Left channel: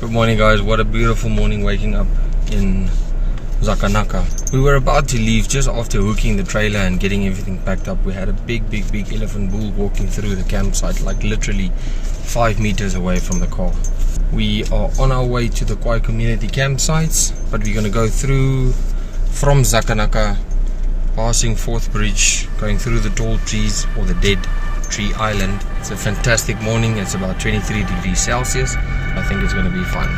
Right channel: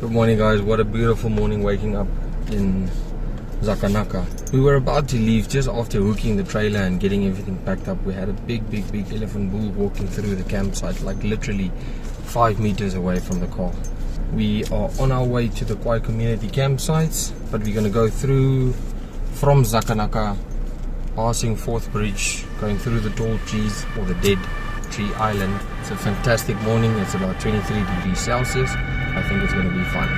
Good morning, guys. What a beautiful morning waking up in Zakanaka. We were about to leave just after hooking the trailer and getting everything packed up. We had a big elephant bull walking through the campsite, like literally 5 meters away from the car. We are on our way to the Kwai community campsites, but we're going to go through from Zakanaka, passing Fourth Bridge, going through the tall trees or the dead tree island. It's a fantastic morning. It's about 23 degrees Celsius. I think it's going to be fun.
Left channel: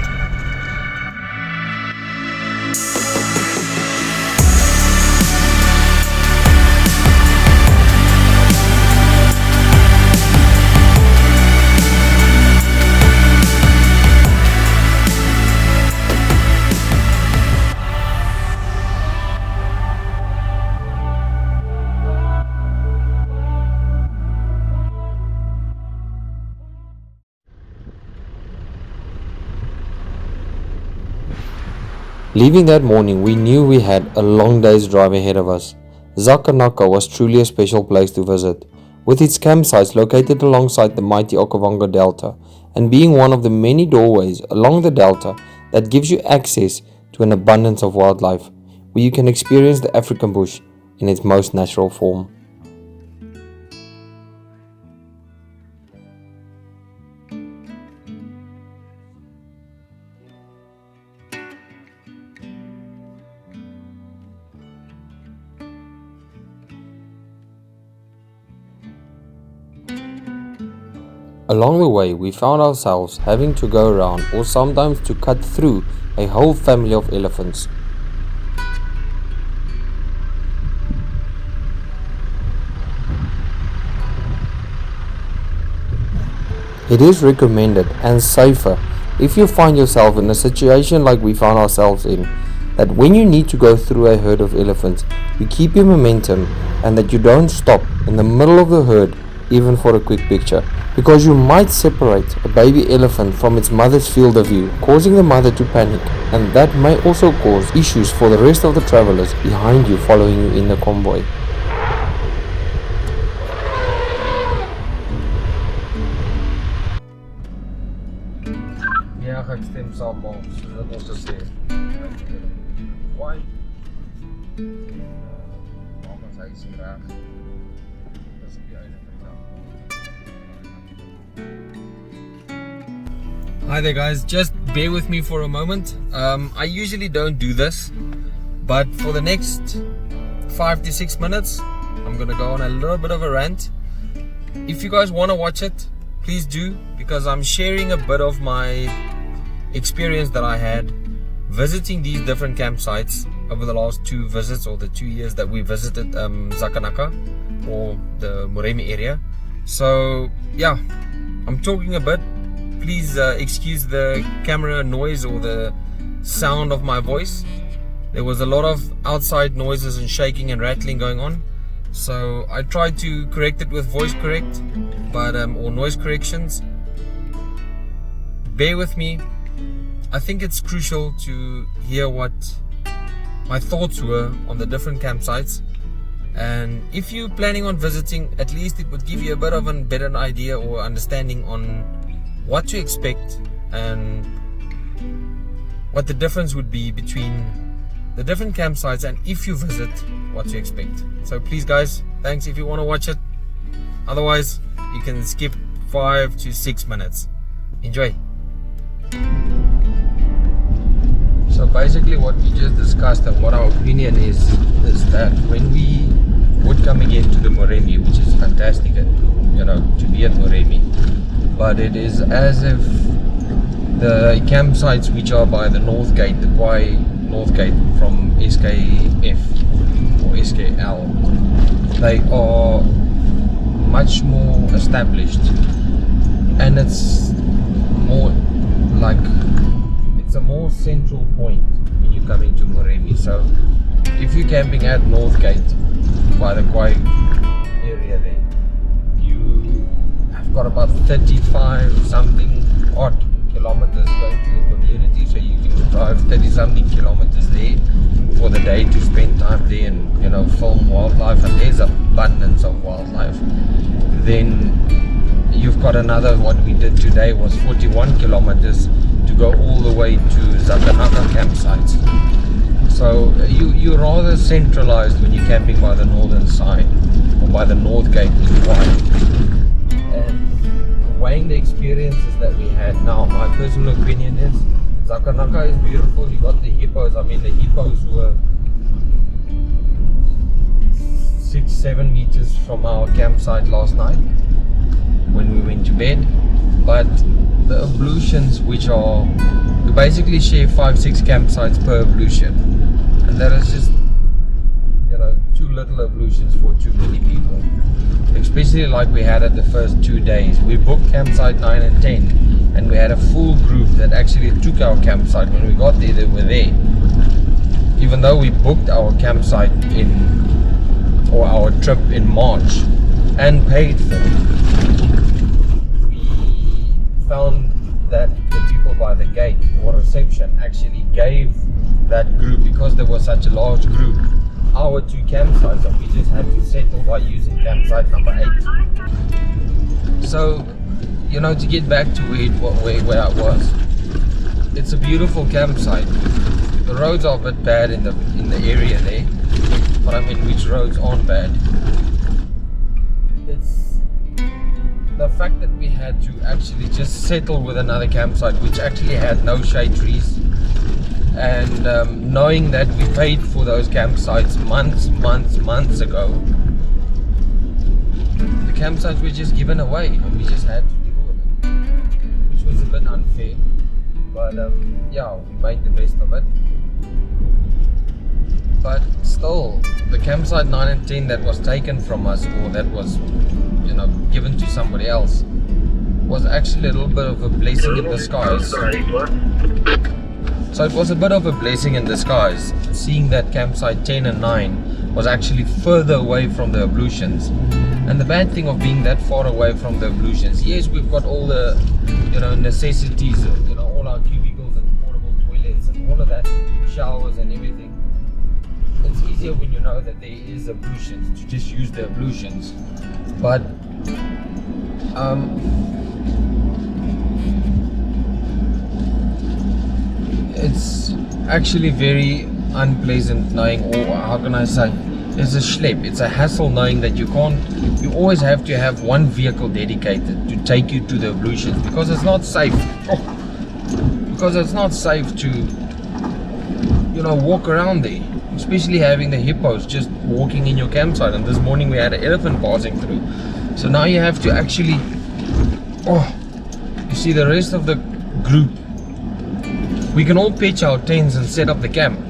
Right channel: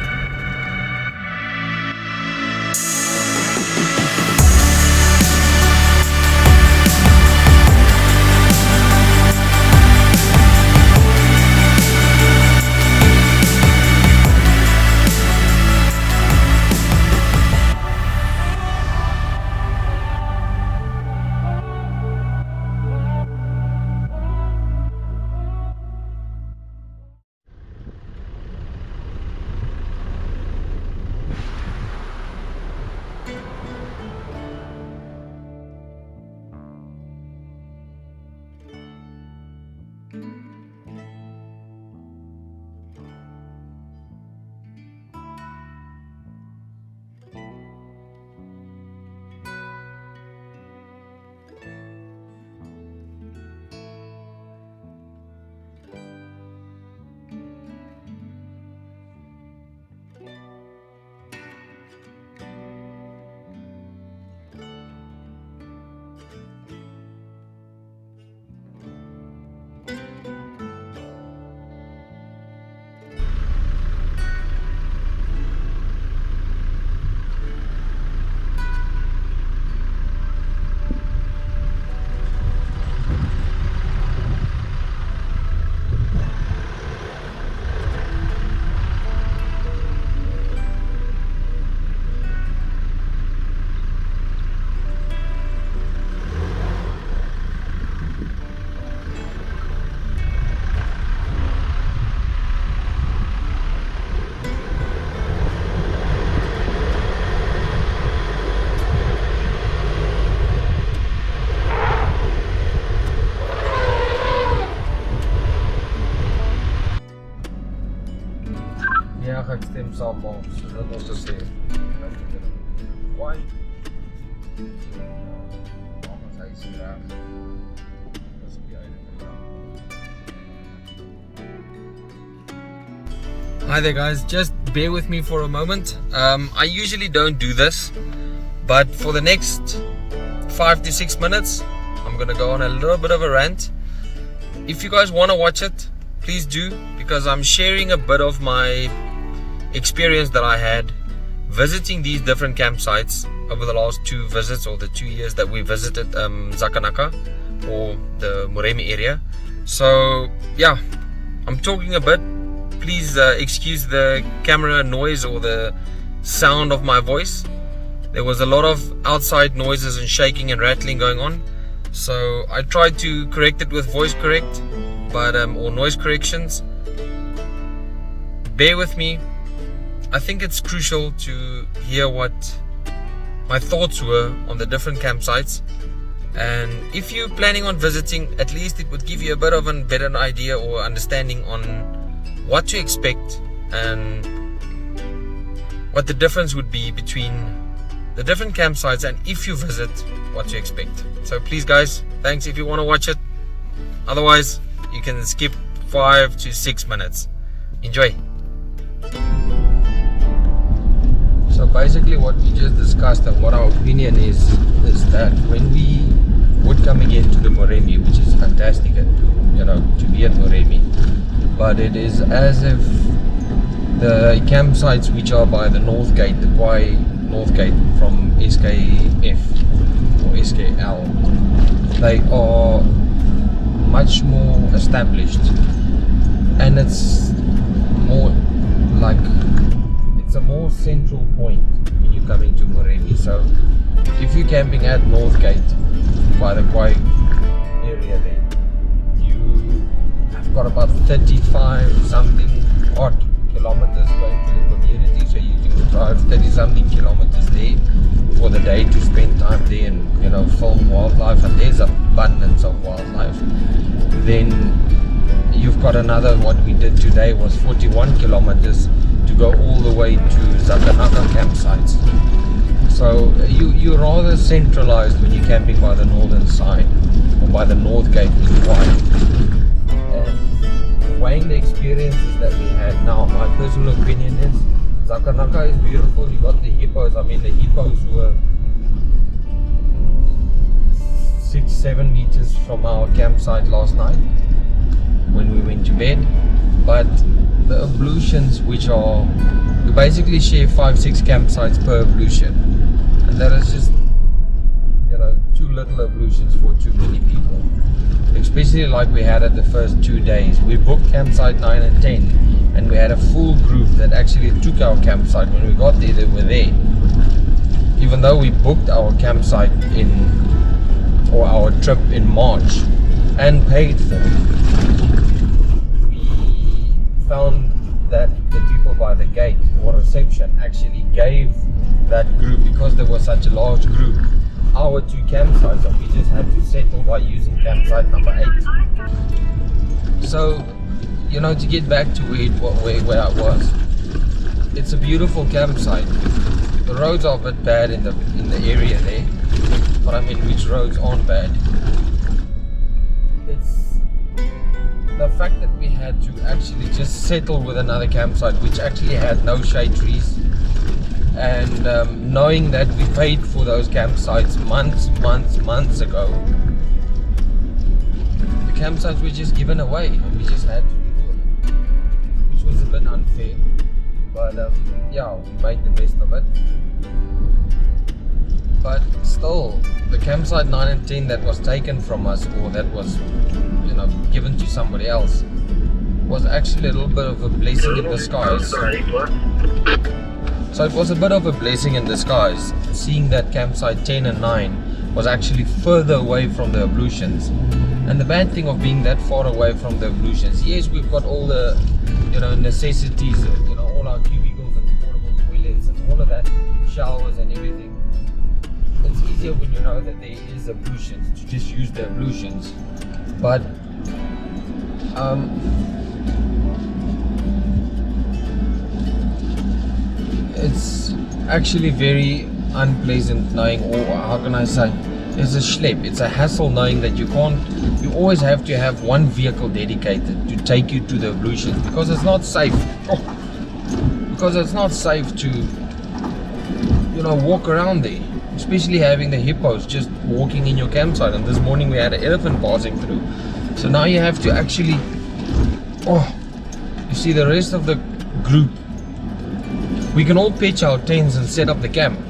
Leaving that morning, we knew we had a long day's drive ahead of us. Zakanaka was truly a special place to visit, with its campsites located alongside the mighty Okavango Delta, and being one of the many doorways along the delta that gives you access to an abundance of wildlife, where you can experience the African bush in its most natural form. Along the way, we found ourselves having to go around or sometimes to cut through a whole family of elephants. It is recommended and safer if you find yourself in a situation like we found ourselves in, that when you need to go through a herd of elephants, you keep your momentum and that you don't stop in the middle of the herd even for a quick picture, because you might separate a baby elephant from its mother's field of view, causing the mother to panic, and that may also cause issues for the rest of the travelers behind you following you in the convoy. Ja, ek stem saam maar, soos wat ons gesê het. Kwai. Ons hy is hier reg. Dis op die einde. Hi there, guys, just bear with me for a moment. I usually don't do this, but for the next 5 to 6 minutes I'm gonna go on a little bit of a rant. If you guys want to watch it, please do, because I'm sharing a bit of my experience that I had visiting these different campsites over the last 2 visits, or the 2 years that we visited Zakanaka or the Moremi area. So yeah, I'm talking a bit. Please excuse the camera noise or the sound of my voice. There was a lot of outside noises and shaking and rattling going on, so I tried to correct it with voice correct, but or noise corrections. Bear with me. I think it's crucial to hear what my thoughts were on the different campsites, and if you're planning on visiting, at least it would give you a bit of a better idea or understanding on what to expect and what the difference would be between the different campsites, and if you visit, what to expect. So please guys, thanks if you want to watch it. Otherwise, you can skip 5 to 6 minutes. Enjoy. So basically what we just discussed and what our opinion is that when we would come again to the Moremi, which is fantastic, you know, to be at Moremi, but it is as if the campsites which are by the North Gate, the Kwai North Gate from SKF or SKL, they are much more established, and it's more like, it's a more central point when you come into Moremi. So if you're camping at North Gate by the Kwai area there, got about 35 something odd kilometers going to the community, so you can drive 30 something kilometers there for the day to spend time there and, you know, film wildlife, and there's abundance of wildlife. Then you've got another, what we did today was 41 kilometers to go all the way to Zakanaka campsites. So you're rather centralized when you're camping by the northern side, or by the north gate in Kwai. And weighing the experiences that we had now, my personal opinion is Zakanaka is beautiful. You got the hippos. I mean, the hippos were 6-7 meters from our campsite last night when we went to bed. But the ablutions, which are, you basically share 5-6 campsites per ablution, and that is just, you know, too little ablutions for too many people, especially like we had at the first 2 days. We booked campsite 9 and 10, and we had a full group that actually took our campsite. When we got there, they were there, even though we booked our campsite or our trip in March and paid for it. Found that the people by the gate or reception actually gave that group, because there was such a large group, our 2 campsites, and we just had to settle by using campsite number 8. So, you know, to get back to where I was, it's a beautiful campsite. The roads are a bit bad in the area there, but I mean, which roads aren't bad? It's the fact that we had to actually just settle with another campsite which actually had no shade trees, and knowing that we paid for those campsites months ago. The campsites were just given away and we just had to deal with it, which was a bit unfair, but yeah, we made the best of it. But still, the campsite 9 and 10 that was taken from us, or that was, you know, given to somebody else, was actually a little bit of a blessing in disguise. So it was a bit of a blessing in disguise, seeing that campsite 10 and 9 was actually further away from the ablutions. And the bad thing of being that far away from the ablutions, yes, we've got all the, you know, necessities, you know, all our cubicles and portable toilets and all of that, showers and everything. It's easier when you know that there is ablutions to just use the ablutions. But it's actually very unpleasant knowing, or how can I say, it's a schlep, it's a hassle knowing that you always have to have one vehicle dedicated to take you to the ablutions, because it's not safe. Because it's not safe to, you know, walk around there, especially having the hippos just walking in your campsite. And this morning we had an elephant passing through, so now you have to actually, you see, the rest of the group, we can all pitch our tents and set up the camp,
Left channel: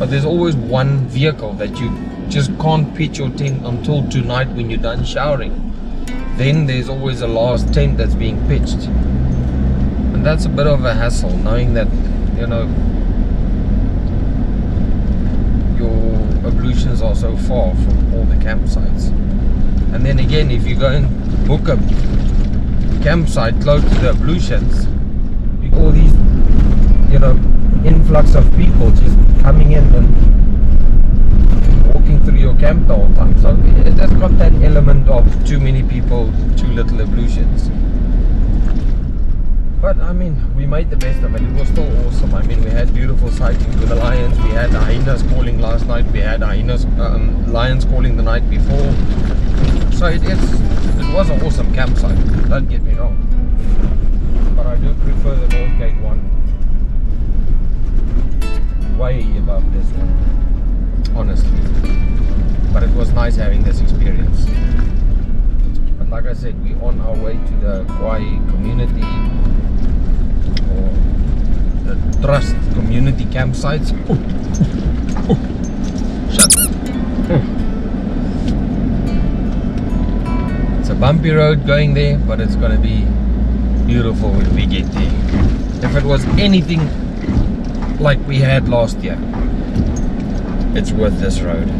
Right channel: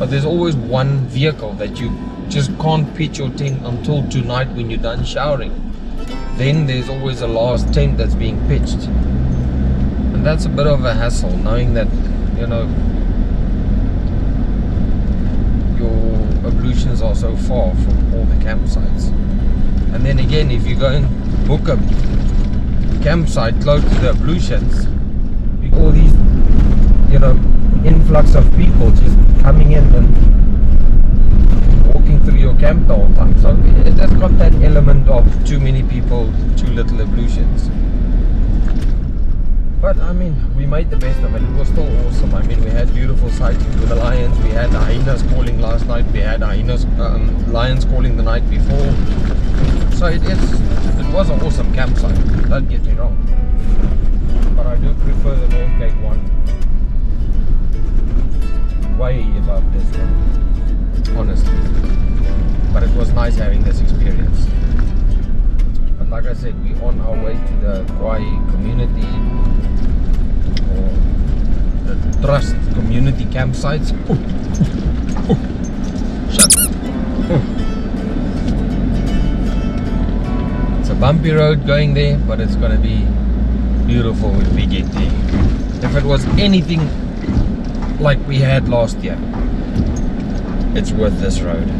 but there's always one vehicle that you just can't pitch your tent until tonight when you're done showering. Then there's always a last tent that's being pitched, and that's a bit of a hassle knowing that, you know, your ablutions are so far from all the campsites. And then again, if you go and book a campsite close to the ablutions, all these, you know, influx of people just coming in and walking through your camp the whole time. So it has got that element of too many people, too little ablutions. But I mean, we made the best of it. It was still awesome. I mean, we had beautiful sightings with the lions. We had hyenas calling last night. We had lions calling the night before. So it was an awesome campsite. Don't get me wrong. But I do prefer the North Gate one way above this one, honestly. But it was nice having this experience. But like I said, we're on our way to the Kwai community, or the Trust community campsites. Shut up. It's a bumpy road going there, but it's gonna be beautiful when we get there. If it was anything like we had last year, it's worth this road.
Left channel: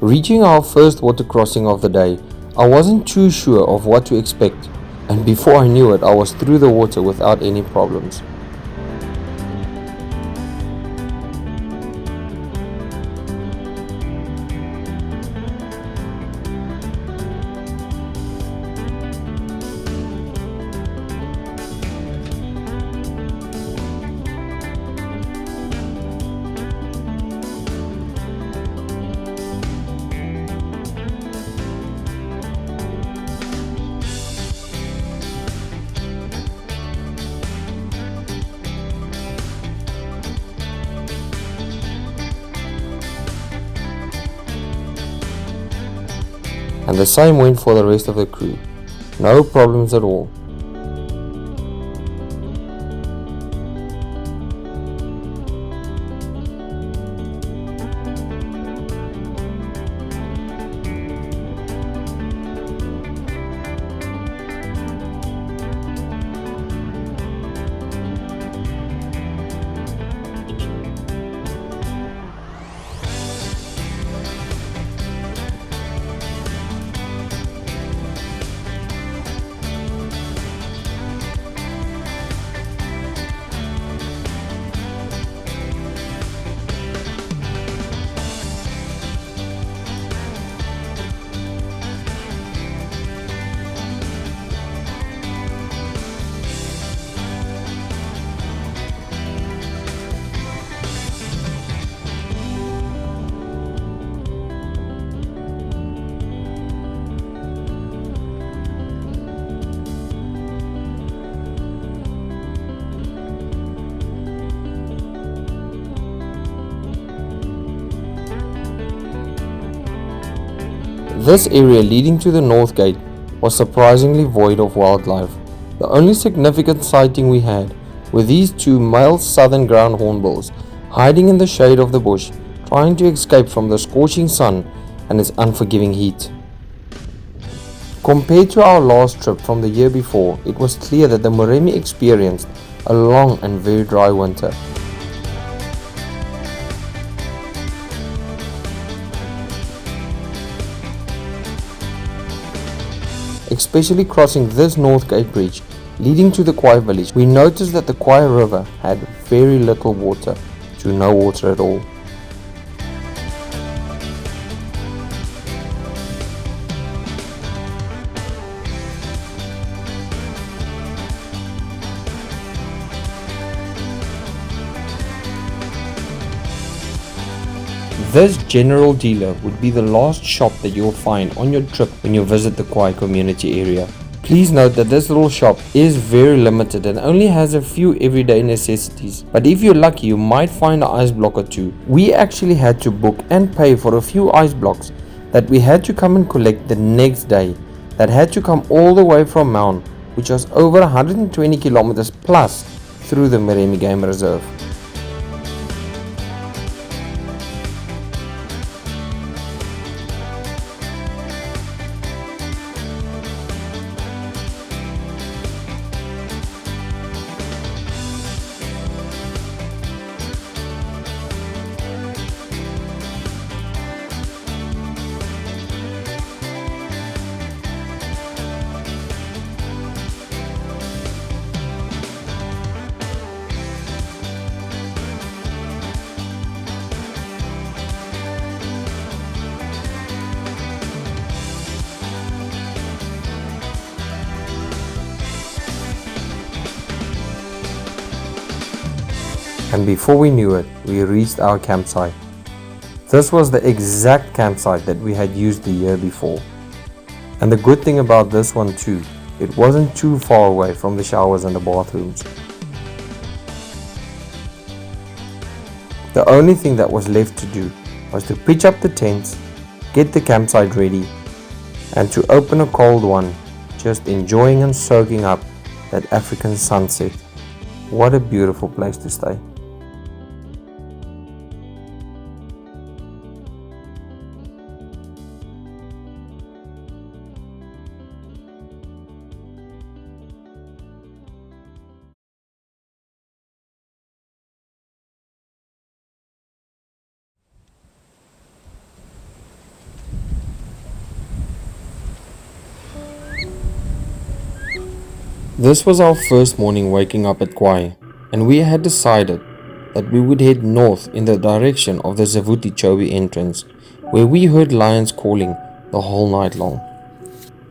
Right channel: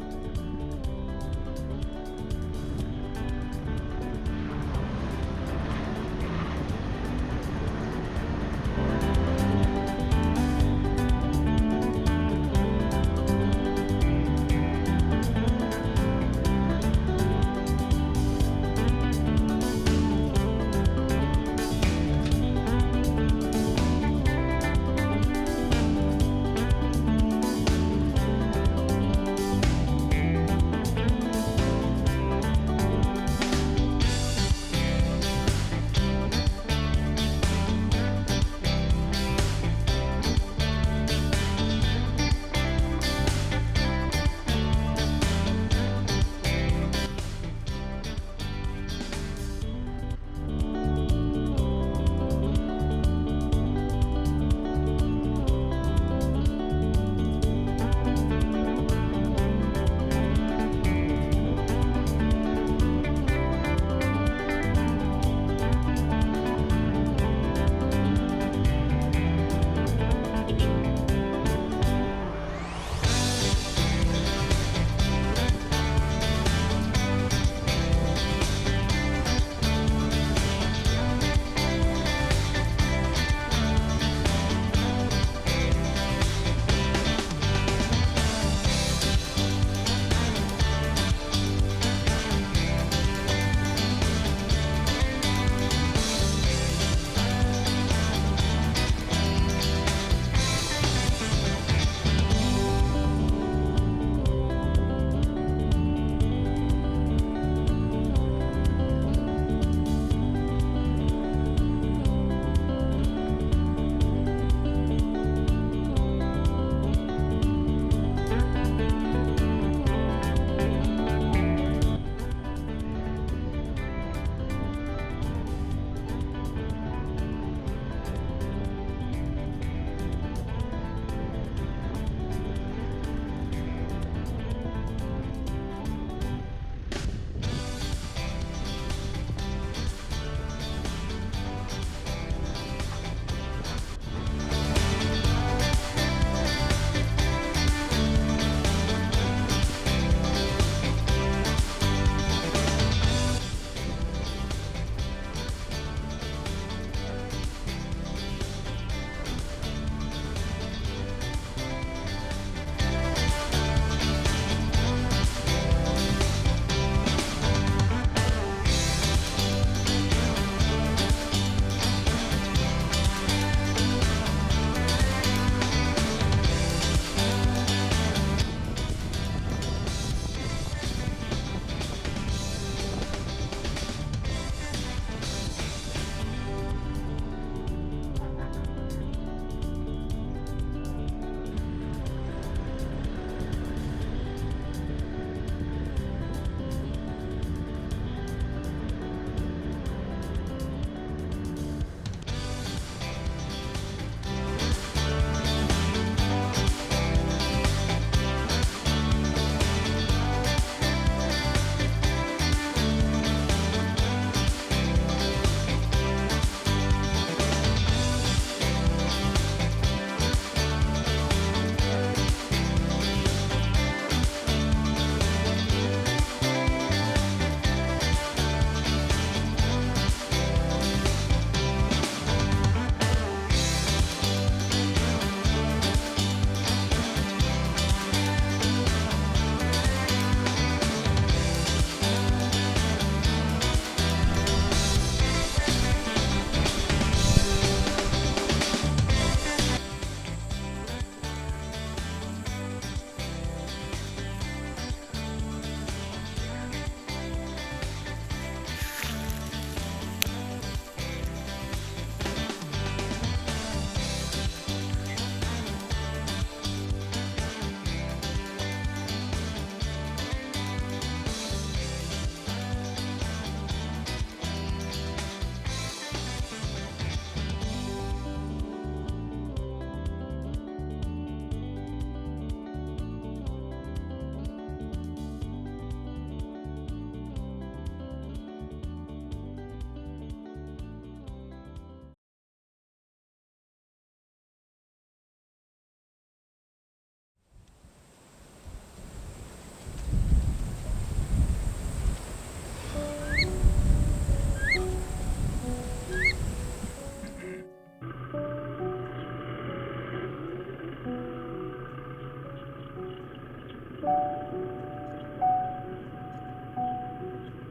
Reaching our first water crossing of the day, I wasn't too sure of what to expect, and before I knew it, I was through the water without any problems. and the same went for the rest of the crew. No problems at all. This area leading to the north gate was surprisingly void of wildlife. The only significant sighting we had were these two male southern ground hornbills hiding in the shade of the bush, trying to escape from the scorching sun and its unforgiving heat. Compared to our last trip from the year before, it was clear that the Moremi experienced a long and very dry winter. Especially crossing this North Gate Bridge leading to the Kwai village, we noticed that the Kwai river had very little water, to no water at all. This general dealer would be the last shop that you will find on your trip when you visit the Khwai community area. Please note that this little shop is very limited and only has a few everyday necessities, but if you're lucky you might find an ice block or two. We actually had to book and pay for a few ice blocks that we had to come and collect the next day, that had to come all the way from Mount, which was over 120 kilometers plus through the Moremi Game Reserve. And before we knew it, we reached our campsite. This was the exact campsite that we had used the year before. And the good thing about this one too, it wasn't too far away from the showers and the bathrooms. The only thing that was left to do was to pitch up the tents, get the campsite ready, and to open a cold one, just enjoying and soaking up that African sunset. What a beautiful place to stay. This was our first morning waking up at Kwai, and we had decided that we would head north in the direction of the Zavuti Chobe entrance, where we heard lions calling the whole night long.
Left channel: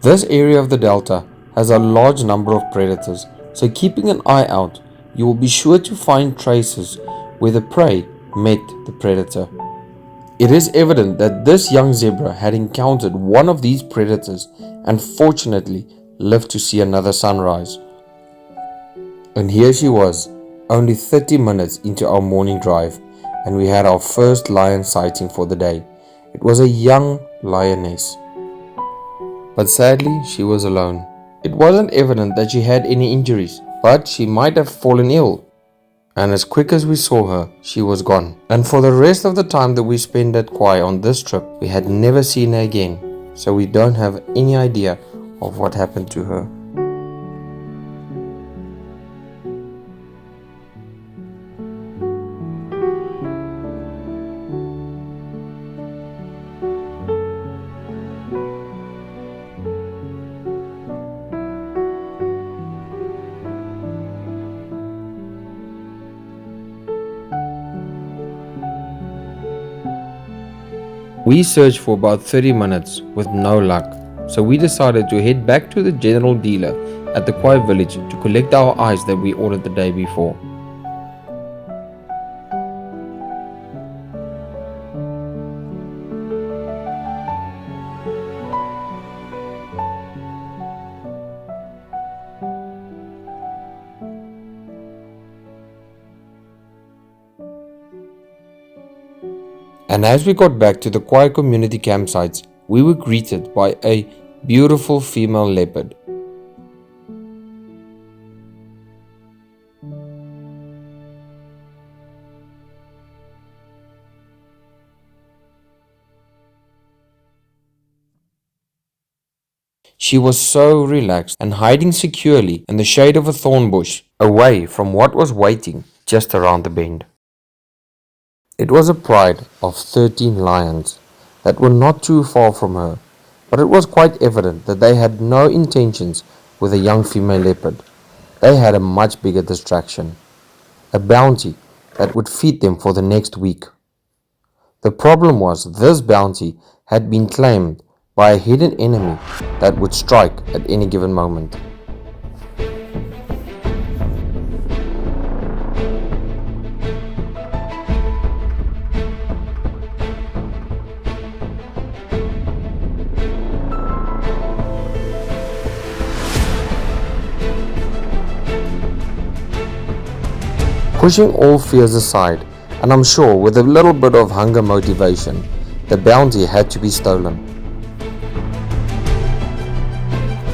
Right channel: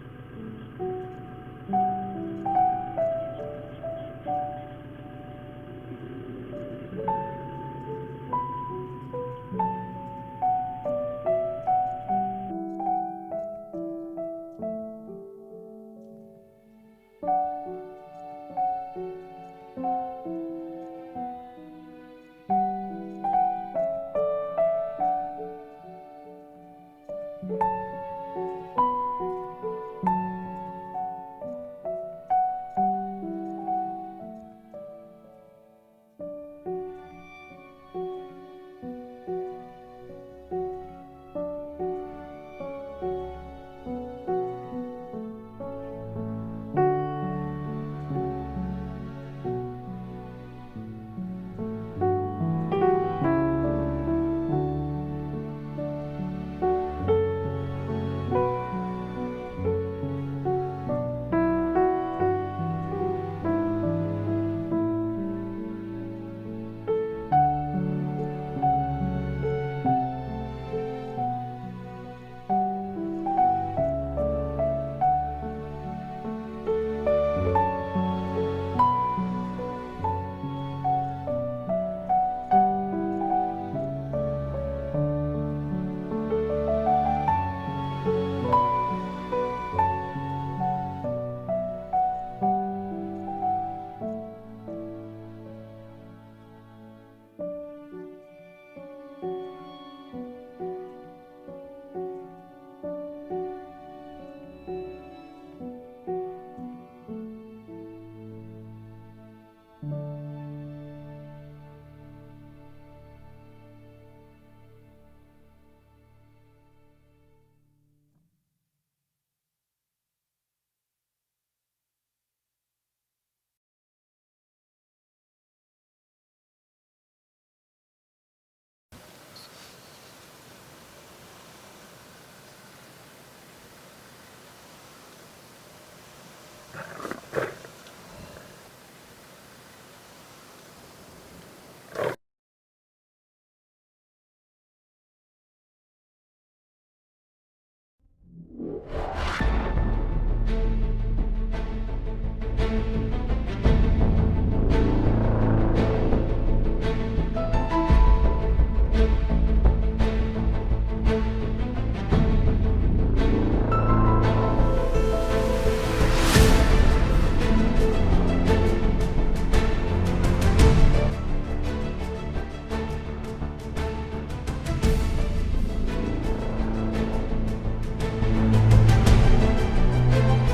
This area of the delta has a large number of predators, so keeping an eye out, you will be sure to find traces where the prey met the predator. It is evident that this young zebra had encountered one of these predators and fortunately lived to see another sunrise. And here she was, only 30 minutes into our morning drive, and we had our first lion sighting for the day. It was a young lioness. but sadly she was alone. It wasn't evident that she had any injuries, but she might have fallen ill. And as quick as we saw her, she was gone. And for the rest of the time that we spent at Kwai on this trip, we had never seen her again, so we don't have any idea of what happened to her. We searched for about 30 minutes with no luck, so we decided to head back to the general dealer at the Khwai village to collect our ice that we ordered the day before. And as we got back to the Kwai community campsites, we were greeted by a beautiful female leopard. She was so relaxed and hiding securely in the shade of a thorn bush, away from what was waiting just around the bend. It was a pride of 13 lions that were not too far from her, but it was quite evident that they had no intentions with a young female leopard. They had a much bigger distraction, a bounty that would feed them for the next week. The problem was this bounty had been claimed by a hidden enemy that would strike at any given moment. Pushing all fears aside, and I'm sure with a little bit of hunger motivation, the bounty had to be stolen.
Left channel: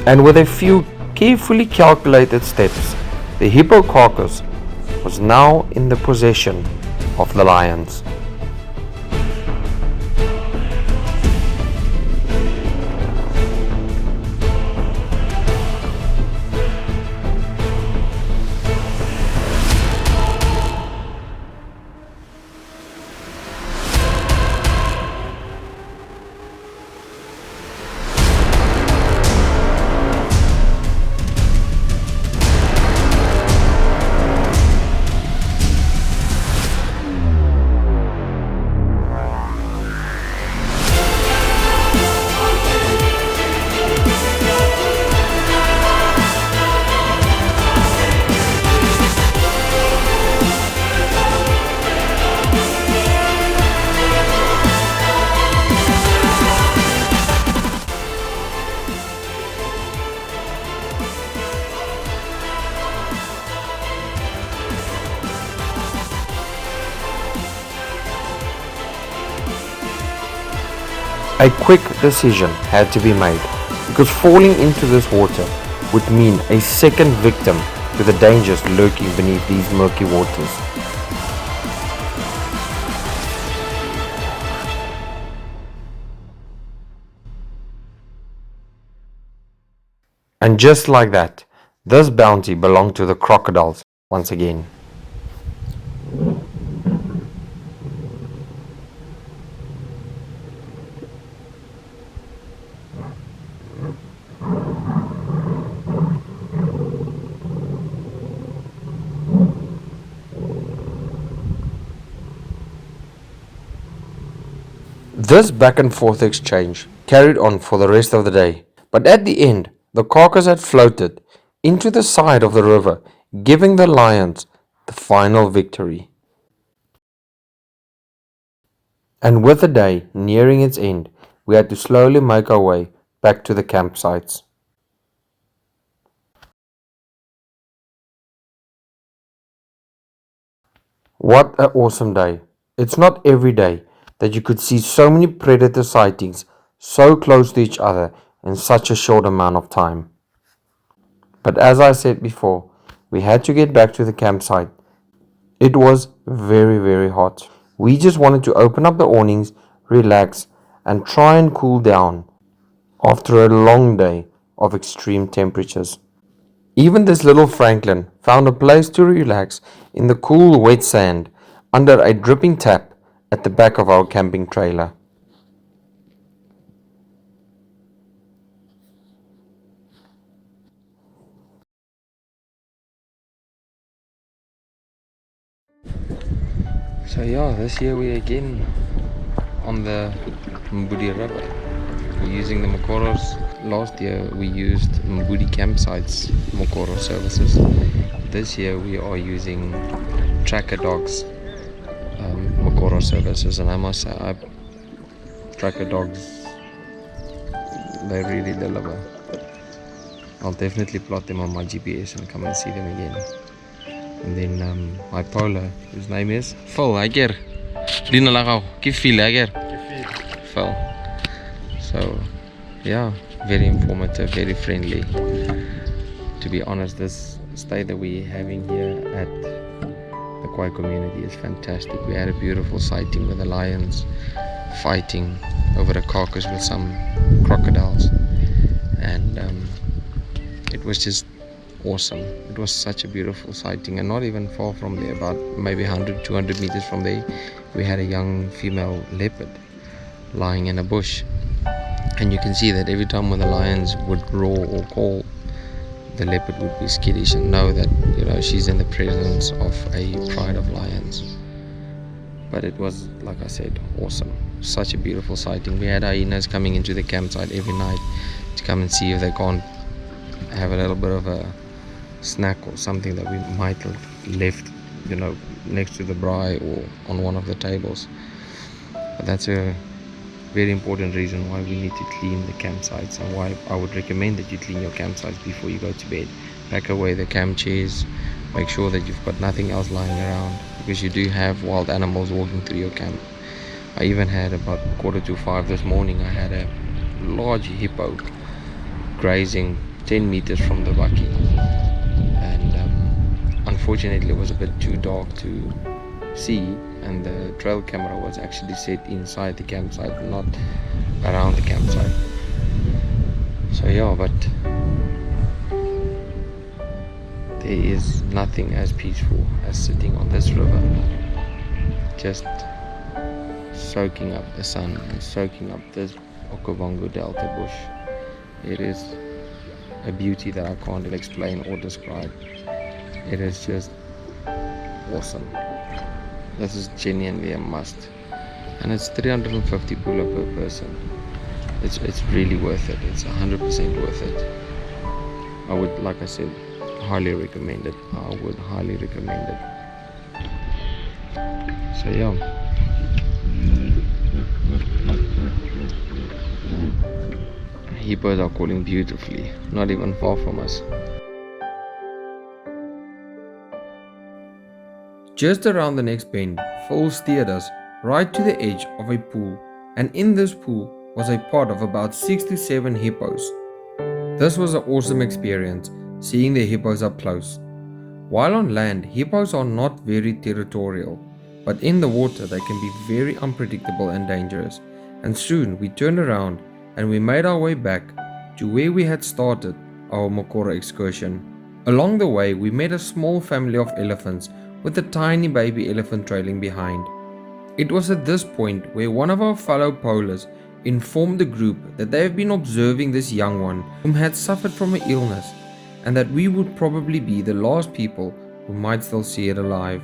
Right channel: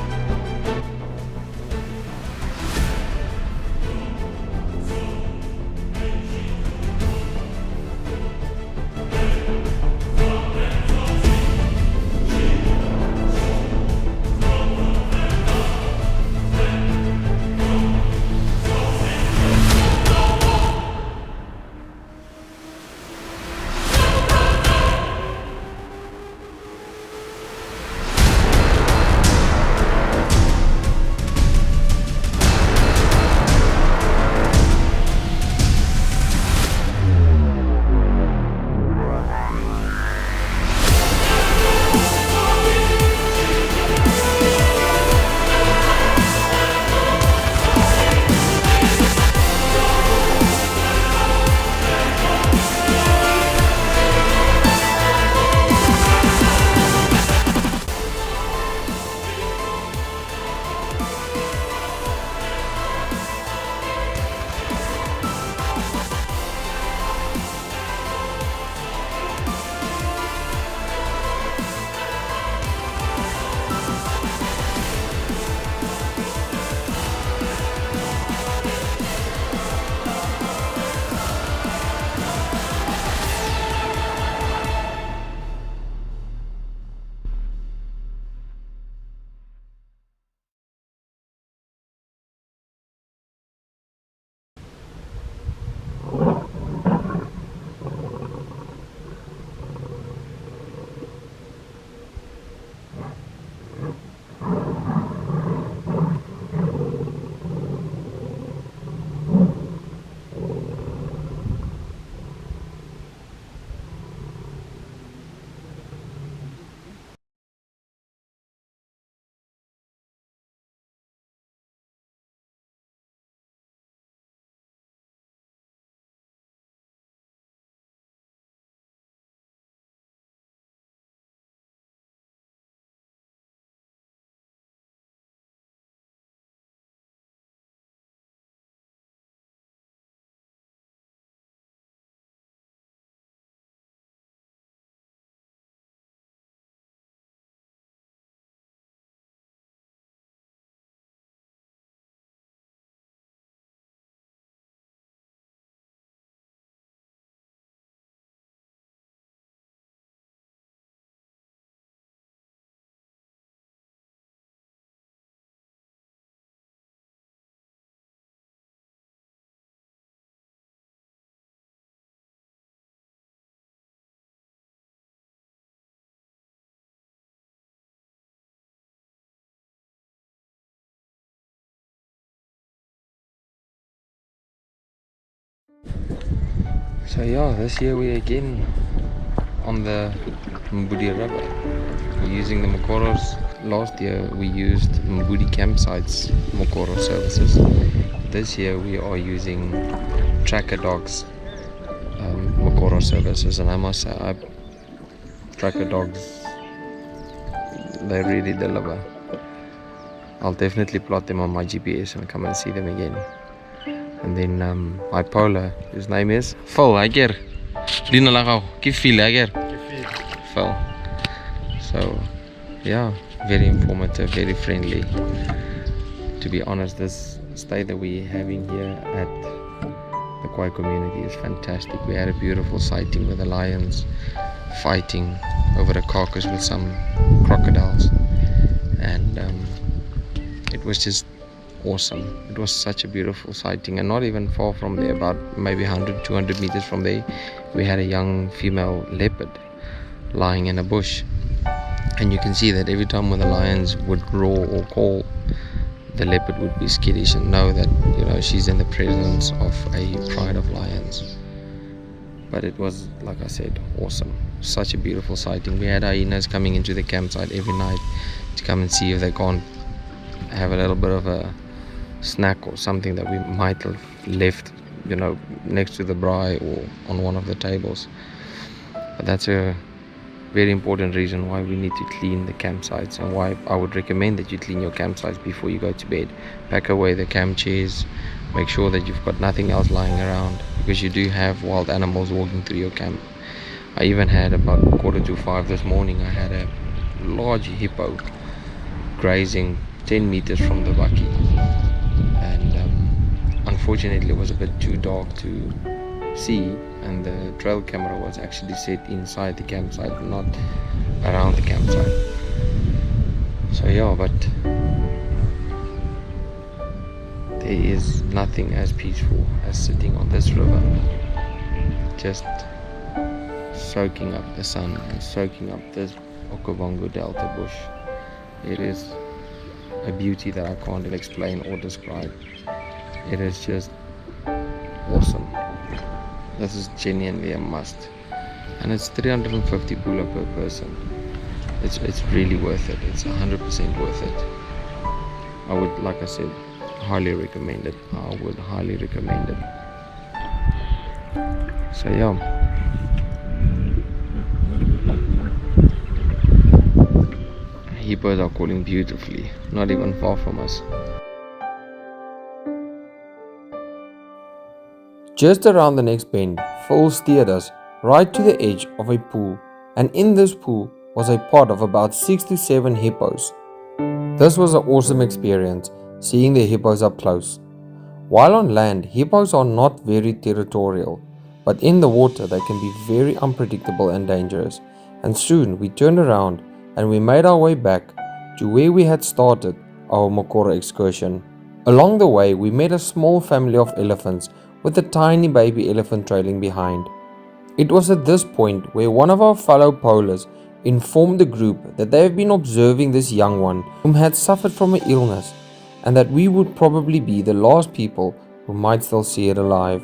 And with a few carefully calculated steps, the hippo carcass was now in the possession of the lions. A quick decision had to be made, because falling into this water would mean a second victim to the dangers lurking beneath these murky waters. And just like that, this bounty belonged to the crocodiles once again. This back and forth exchange carried on for the rest of the day, but at the end, the carcass had floated into the side of the river, giving the lions the final victory. And with the day nearing its end, we had to slowly make our way back to the campsites. What an awesome day! It's not every day that you could see so many predator sightings so close to each other in such a short amount of time. But as I said before, we had to get back to the campsite. It was very, very hot. We just wanted to open up the awnings, relax, and try and cool down after a long day of extreme temperatures. Even this little Franklin found a place to relax in the cool, wet sand under a dripping tap at the back of our camping trailer. So yeah, this year we again on the Mbudi River. We're using the Mokoros. Last year we used Mbudi campsites Mokoro services. This year we are using Tracker Dogs Mokoro services, and I must say, Tracker Dogs, they really deliver. I'll definitely plot them on my GPS and come and see them again. And then my polar, his name is Phil. Ager. Dina lagaw. Kifil ager. Phil. So yeah, very informative, very friendly. To be honest, this stay that we're having here at the Kwai community is fantastic. We had a beautiful sighting with the lions fighting over the carcass with some crocodiles, and it was just awesome. It was such a beautiful sighting, and not even far from there, about maybe 100-200 meters from there, we had a young female leopard lying in a bush, and you can see that every time when the lions would roar or call, the leopard would be skittish and know that, you know, she's in the presence of a pride of lions. But it was, like I said, awesome. Such a beautiful sighting. We had hyenas coming into the campsite every night to come and see if they can't have a little bit of a snack or something that we might have left, you know, next to the braai or on one of the tables. But that's a very important reason why we need to clean the campsites, and why I would recommend that you clean your campsites before you go to bed. Pack away the camp chairs, make sure that you've got nothing else lying around, because you do have wild animals walking through your camp. I even had, about 4:45 this morning, I had a large hippo grazing 10 meters from the bakkie, and unfortunately it was a bit too dark to see, and the trail camera was actually set inside the campsite, not around the campsite. So yeah, but there is nothing as peaceful as sitting on this river, just soaking up the sun and soaking up this Okavango Delta bush. It is a beauty that I can't explain or describe. It is just awesome. This is genuinely a must, and it's 350 pula per person. It's really worth it. It's 100% worth it. I would, like I said, highly recommend it. I would highly recommend it. So yeah, hippos are calling beautifully, not even far from us. Just around the next bend, Phil steered us right to the edge of a pool, and in this pool was a pod of about 6 to 7 hippos. This was an awesome experience, seeing the hippos up close. While on land, hippos are not very territorial, but in the water they can be very unpredictable and dangerous. And soon we turned around and we made our way back to where we had started our Mokoro excursion. Along the way, we met a small family of elephants with a tiny baby elephant trailing behind. It was at this point where one of our fellow polars informed the group that they have been observing this young one whom had suffered from an illness, and that we would probably be the last people who might still see it alive.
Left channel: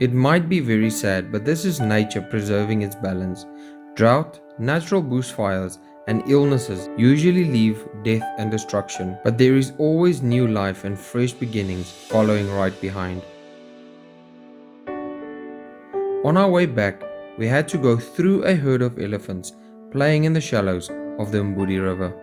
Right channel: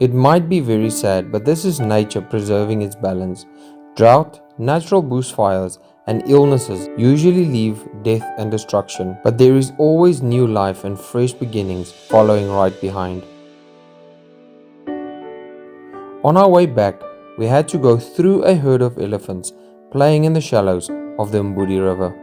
It might be very sad, but this is nature preserving its balance. Drought, natural bushfires, and illnesses usually leave death and destruction, but there is always new life and fresh beginnings following right behind. On our way back, we had to go through a herd of elephants playing in the shallows of the Mbudi River.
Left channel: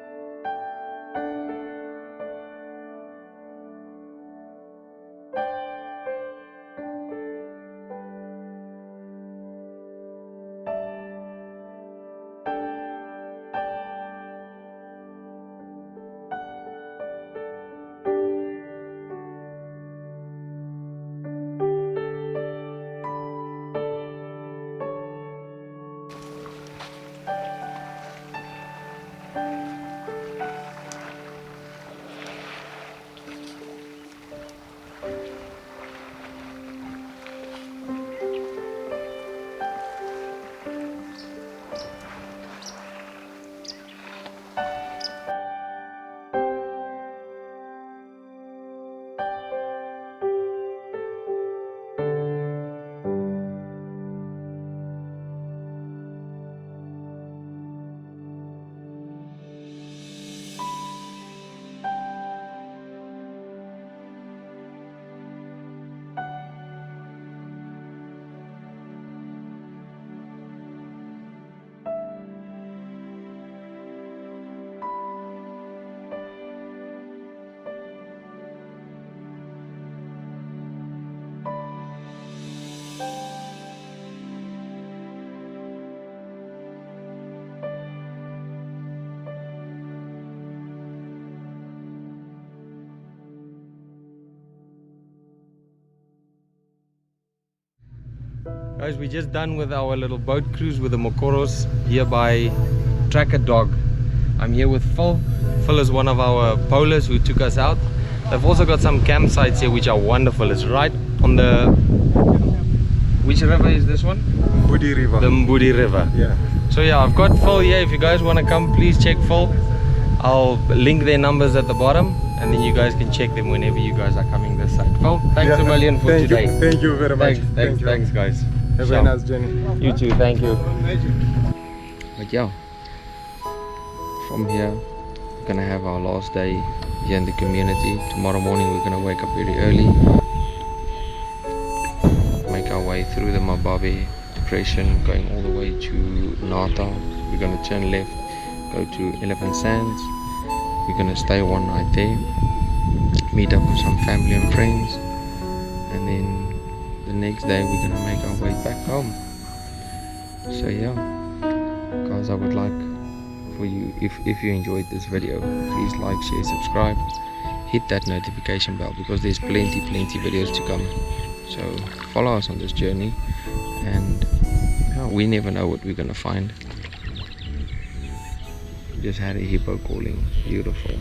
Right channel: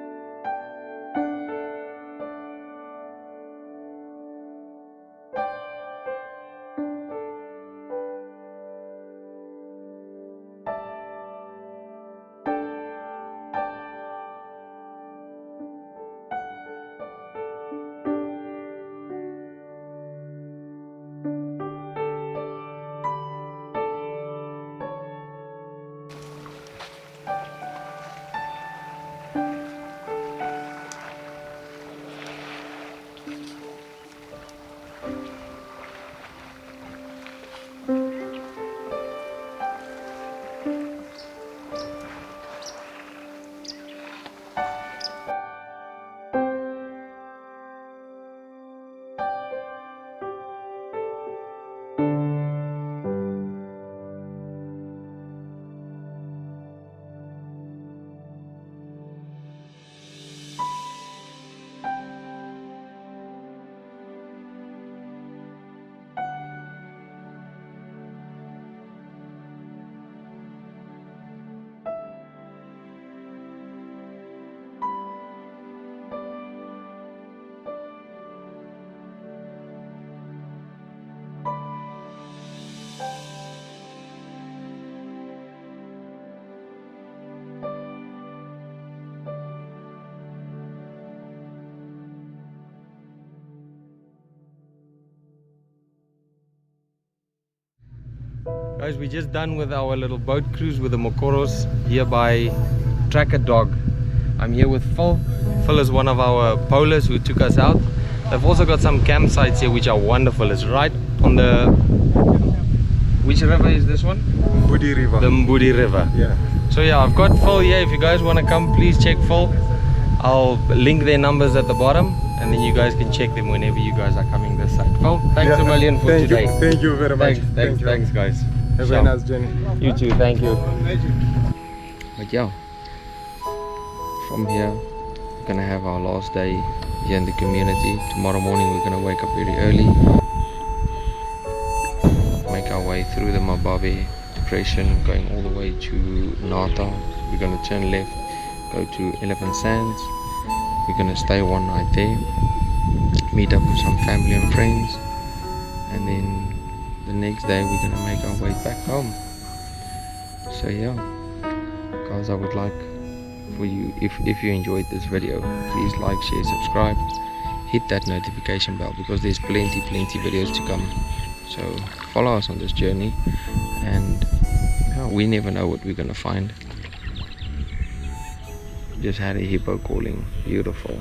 Guys, we're just done with our little boat cruise with the Mokoros here by Tracker Dog. I'm here with Phil. Phil is one of our polars who took us out. They've also got some campsites here which are wonderful. It's right on the... Which river is this one? Mbudi River. The Mbudi River. Yeah. So yeah, I've got Phil here. If you guys want to come, please check Phil. I'll link their numbers at the bottom, and then you guys can check them whenever you guys are coming this side. Phil, thanks a million for today. Thank you very much. Thanks guys. Have a nice journey. You too, thank you. But yeah, from here we're gonna have our last day here in the community. Tomorrow morning we're gonna wake up very early, make our way through the Mababe depression, going all the way to Nata. We're gonna turn left, go to Elephant Sands. We're gonna stay one night there, meet up with some family and friends, and then the next day we're gonna make our way back home. So yeah guys, I would like for you, if you enjoyed this video, please like, share, subscribe, hit that notification bell, because there's plenty videos to come. So follow us on this journey, and yeah, we never know what we're gonna find. Just had a hippo calling, beautiful.